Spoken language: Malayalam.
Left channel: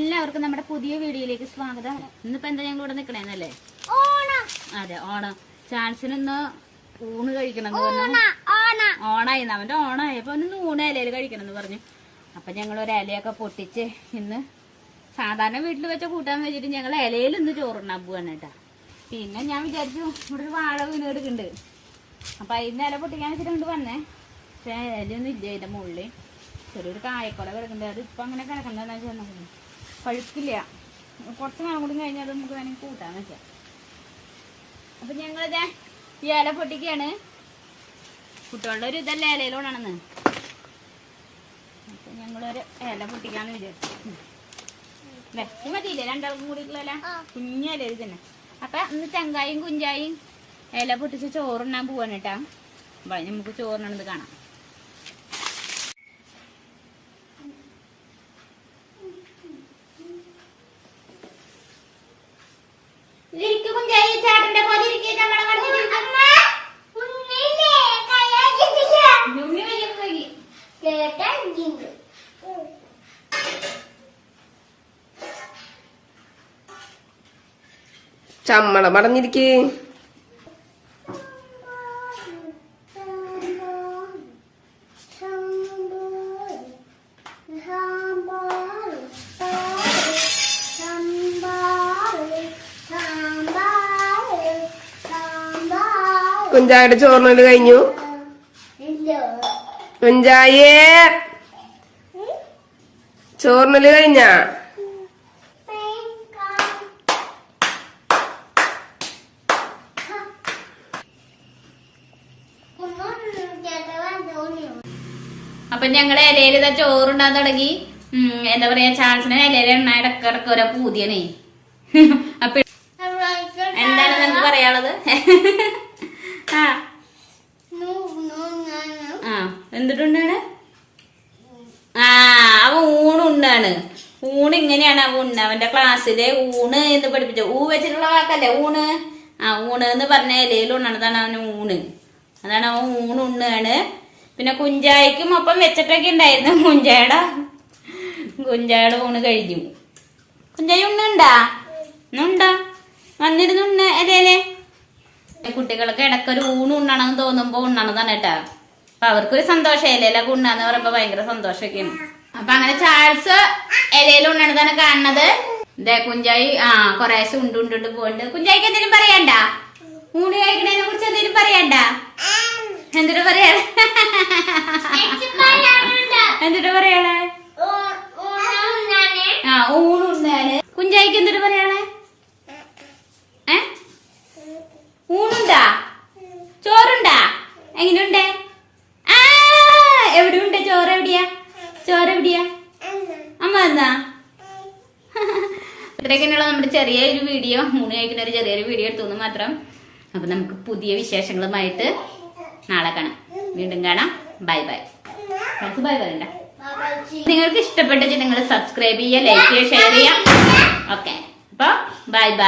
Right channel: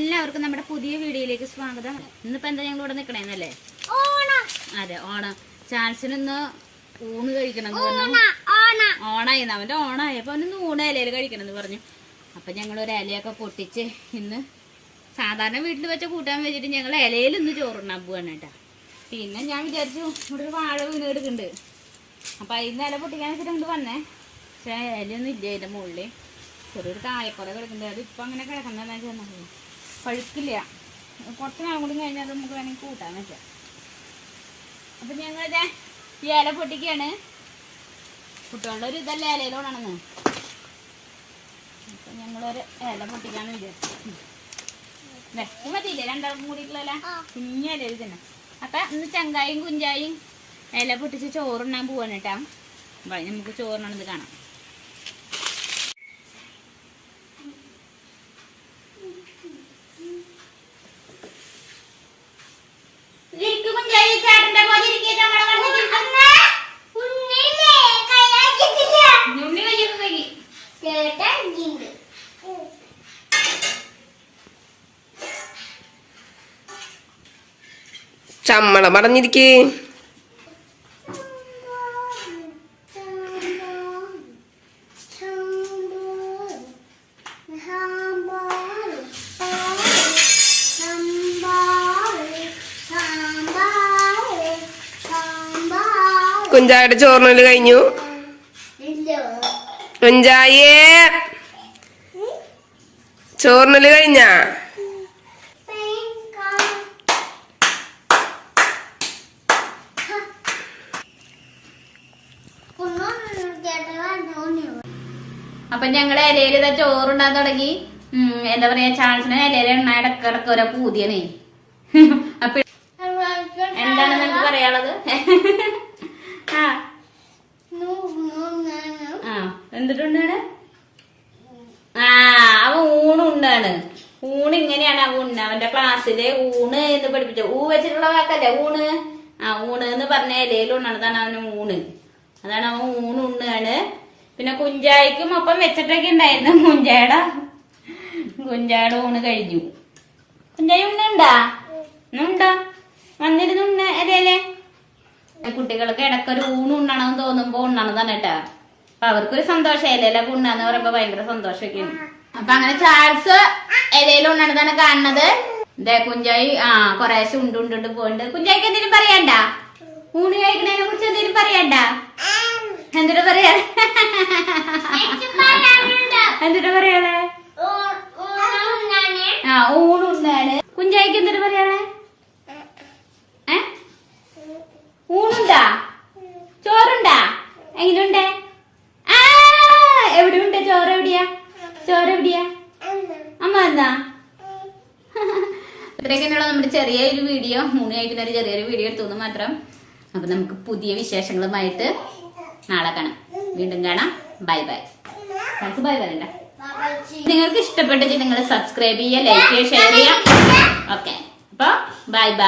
എല്ലാവർക്കും നമ്മുടെ പുതിയ വീഡിയോയിലേക്ക് സ്വാഗതം. ഇന്നിപ്പോ എന്താ ഞങ്ങൾ ഇവിടെ നിക്കണേന്നല്ലേ? അതെ ഓണം. ചാൻസിനൊന്ന് ഊണ് കഴിക്കണം എന്ന് പറഞ്ഞു. ഓണായി അവന്റെ ഓണായപ്പോ ഒന്ന് ഊണ് ഇലയിൽ കഴിക്കണം എന്ന് പറഞ്ഞു. അപ്പൊ ഞങ്ങൾ ഒരു ഇലയൊക്കെ പൊട്ടിച്ച് ഇന്ന് സാധാരണ വീട്ടിൽ വെച്ച കൂട്ടാൻ വെച്ചിട്ട് ഞങ്ങൾ ഇലയിൽ ഇന്ന് ചോറുണ്ണാൻ പോവാണ് കേട്ടാ. പിന്നെ ഞാൻ വിചാരിച്ചു ഇവിടെ ഒരു വാഴ വീണ് കിടക്കുന്നുണ്ട്. അപ്പൊ അതിന് ഇല പൊട്ടിക്കാൻ വെച്ചിട്ട് കൊണ്ട് വന്നേ. പക്ഷെ ഇലയൊന്നും ഇല്ല അതിന്റെ മുകളിൽ ചെറിയൊരു കായക്കൊല കിടക്കുന്നുണ്ട്. അത് ഇപ്പം അങ്ങനെ കിടക്കുന്നതെന്ന് വെച്ചാൽ പഴുക്കില്ല. കുറച്ച് നാളും കൂടി കഴിഞ്ഞാൽ അത് നമുക്ക് വേണമെങ്കിൽ കൂട്ടാൻ വെച്ചാൽ അപ്പം ഞങ്ങളിതേ ഈ ഇല പൊട്ടിക്കാണ്. കുട്ടികളുടെ ഒരു ഇതല്ല ഇലയിലോടാണെന്ന് അപ്പം ഞങ്ങളൊരു ഇല പൊട്ടിക്കാന്ന് വിചാരിച്ചു. ഇത് മതിയില്ലേ? രണ്ടാൾക്കും കൂടിയിട്ടുള്ള കുഞ്ഞ ഇല തന്നെ. അപ്പം ഇന്ന് ചങ്കായും കുഞ്ചായും ഇല പൊട്ടിച്ച് ചോറുണ്ണാൻ പോവാണ് കേട്ടാ. നമുക്ക് ചോറിനത് കാണാം. ചമ്മളം പറഞ്ഞിരിക്കേ കുഞ്ചായുടെ ചോറിനൽ കഴിഞ്ഞു കുഞ്ചായേ. ചോറിനൽ കഴിഞ്ഞ? അപ്പൊ ഞങ്ങൾ ഇലയിൽ ഇതാ ചോറുണ്ടാൻ തുടങ്ങി. ഉം, എന്താ പറയാ ചാൾസിന് ഇലയിലെ എണ്ണ ഇടക്കിടക്ക് ഓരോ പൂതിയനെ അപ്പൊ എന്താണ് നിങ്ങൾക്ക് പറയാനുള്ളത് ആ ആ എന്തിട്ടുണ്ടാണ് ആ അവൻ ഊണുണ്ടാണ് ഊണ് ഇങ്ങനെയാണ് ആ ഉണ്ണ അവന്റെ ക്ലാസ്സിലെ ഊണ് എന്ന് പഠിപ്പിച്ചു ഊ വെച്ചിട്ടുള്ള വാക്കല്ലേ ഊണ്? ആ ഊണ് എന്ന് പറഞ്ഞ ഇലയിൽ അതാണ് അവന് ഊണ്. അതാണ് അവൻ ഊണ് ഉണ്ണാണ്. പിന്നെ കുഞ്ചായക്കും ഒപ്പം വെച്ചിട്ടൊക്കെ ഉണ്ടായിരുന്നു കുഞ്ചായട. കുഞ്ചായട ഊണ് കഴിഞ്ഞു. കുഞ്ചായി ഉണ്ണുണ്ടാ ഉണ്ടോ വന്നിരുന്നു ഉണ്ണ അല്ലേ കുട്ടികൾക്ക് ഇടക്കൊരു ഊണ് ഉണ്ണണമെന്ന് തോന്നുമ്പോ ഉണ്ണണതാണ് കേട്ടാ. അപ്പൊ അവർക്കൊരു സന്തോഷം അല്ല ഉണ്ണാന്ന് പറയുമ്പോ ഭയങ്കര സന്തോഷമൊക്കെയാണ്. അപ്പൊ അങ്ങനെ ചാൾസ് ഇലയിൽ ഉണ്ണണതാണ് കാണുന്നത്. ദേ കുഞ്ചായി ആ കൊറേ ഉണ്ട് ഉണ്ട് ഉണ്ട് പോണ്ട്. കുഞ്ചായിക്ക് എന്തെങ്കിലും പറയണ്ട? ഊണ് കഴിക്കുന്നതിനെ കുറിച്ച് എന്തെങ്കിലും പറയണ്ട? എന്തിനു പറയാ? എന്തിട്ട് പറയാളെ ആ ഊണുണ്ണാണ് കുഞ്ചായിക്ക് എന്തിനു പറയാളെ എവിടെയാ അമ്മ. എന്താ? ഇത്രയൊക്കെയുള്ള നമ്മുടെ ചെറിയൊരു വീഡിയോ. മൂന്ന് കഴിക്കുന്ന ഒരു ചെറിയൊരു വീഡിയോ എടുത്തു മാത്രം. അപ്പൊ നമുക്ക് പുതിയ വിശേഷങ്ങളുമായിട്ട് നാളെ കാണാം. വീണ്ടും കാണാം. Bye bye. നമുക്ക് ബൈ പറയണ്ട. നിങ്ങൾക്ക് ഇഷ്ടപ്പെട്ടിട്ട് നിങ്ങൾ സബ്സ്ക്രൈബ് ചെയ്യുക ലൈക്ക് ചെയ്യുക ഷെയർ ചെയ്യുക. ഓക്കെ അപ്പൊ ബൈ ബൈ.